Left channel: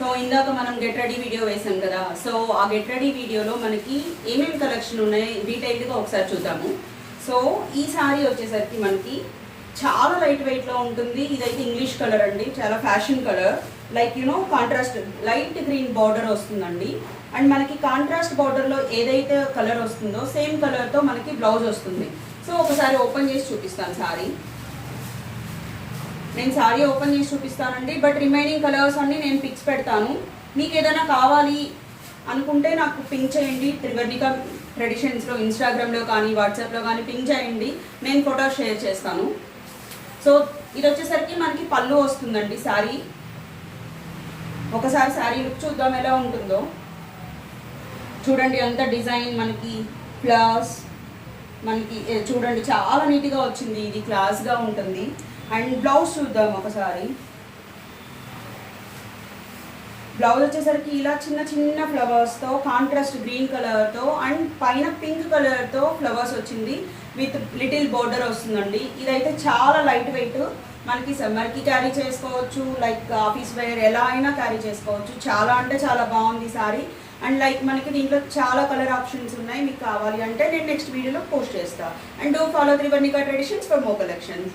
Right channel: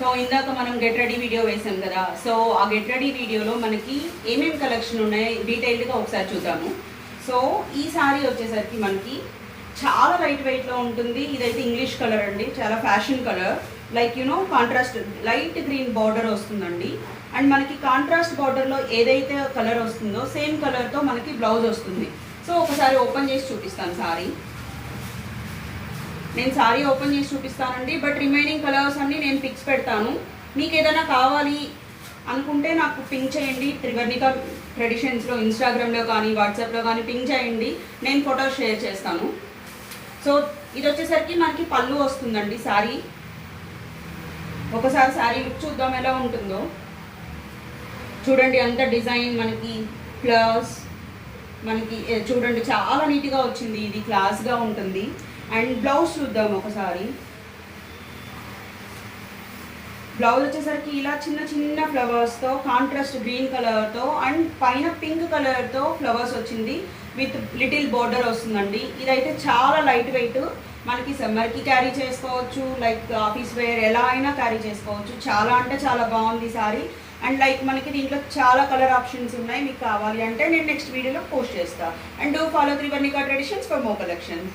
So ఇందాక మనం get ready video వేసాం కదా. సో ఆ గెట్ రెడీ వీడియోలో మనకి ఏమేమి కలెక్షన్ ఉన్నాయి డీటెయిల్డ్గా ఒకసారి చూద్దాము. సో ఈ సారీ వచ్చేసరికి మనకి చాలా లైట్ వెయిట్లో ఉంటుంది. ఇదైతే ఇంగ్లీష్ కలర్ అండి, చాలా fashion colour. Like contrast light green border వస్తుందండి. అండ్ మనకి కాంట్రాస్ట్ బార్డర్లో ఏదైతే కలర్ వస్తుందో సేమ్ కలర్తో మనకి బ్లౌజ్ వస్తుంది. సో ఒకసారి ఓపెన్ చేసి చూపిస్తాను సారీ. నేను సారీ ఓపెన్ చేసి చూపిస్తానండి, బట్ రిమైనింగ్ కలర్స్ అన్నీ నేను పిక్స్ పెడతాను. మీకు ఏదైనా కావాలి అనుకుంటే నాకు పింక్ చేయండి. త్రివర్ణిక ట్రెడిషన్స్లో ఇన్స్టాగ్రామ్లో కానీ వాట్సాప్లో కానీ పింక్ చేయండి, నేను ఫోటోస్ షేర్ చేస్తాను. సో ఇది వచ్చేసరికి మనకి పళ్ళు వస్తుందండి సారీ. ఒకసారి సారీ లుక్ చూద్దాం ఎలా ఉంటుందో. చూడండి అంత డిజైన్ మనకి ఫ్లవర్స్ మనకి చూడండి చాలా నీట్గా వచ్చింది. ఇది క్లాస్గా ఉంటుంది. అండ్ బ్లౌజ్ చూద్దాం ఒకసారి. బ్లౌజ్ వచ్చేసరికి ఇలా చిన్న చిన్న ఫ్లవర్స్తో కాంట్రాస్ట్ గ్రీన్ కలర్తో అండ్ పైన పింక్ కలర్తో ఫ్లవర్స్ వచ్చింది విత్ లిటిల్ బోర్డర్ వస్తుందండి. ఇదైతే చాలా లైట్ వెయిట్, మనకి సమ్మర్కి క్యారీ చేసుకోవచ్చు, లైక్ ఆఫీస్ వేర్ ఎలా అయినా క్యారీ చేసుకోవచ్చు. చాలా అంటే చాలా బాగుంది సారీ. అండ్ లైక్ మనకి దీంట్లో చాలా కలర్ ఆప్షన్స్ ఉన్నాయి. మీకు కావాలి అంటే నేను నెక్స్ట్ వీడియోలో పోస్ట్ చేస్తాను. And do follow Trivarnika traditions for more collections.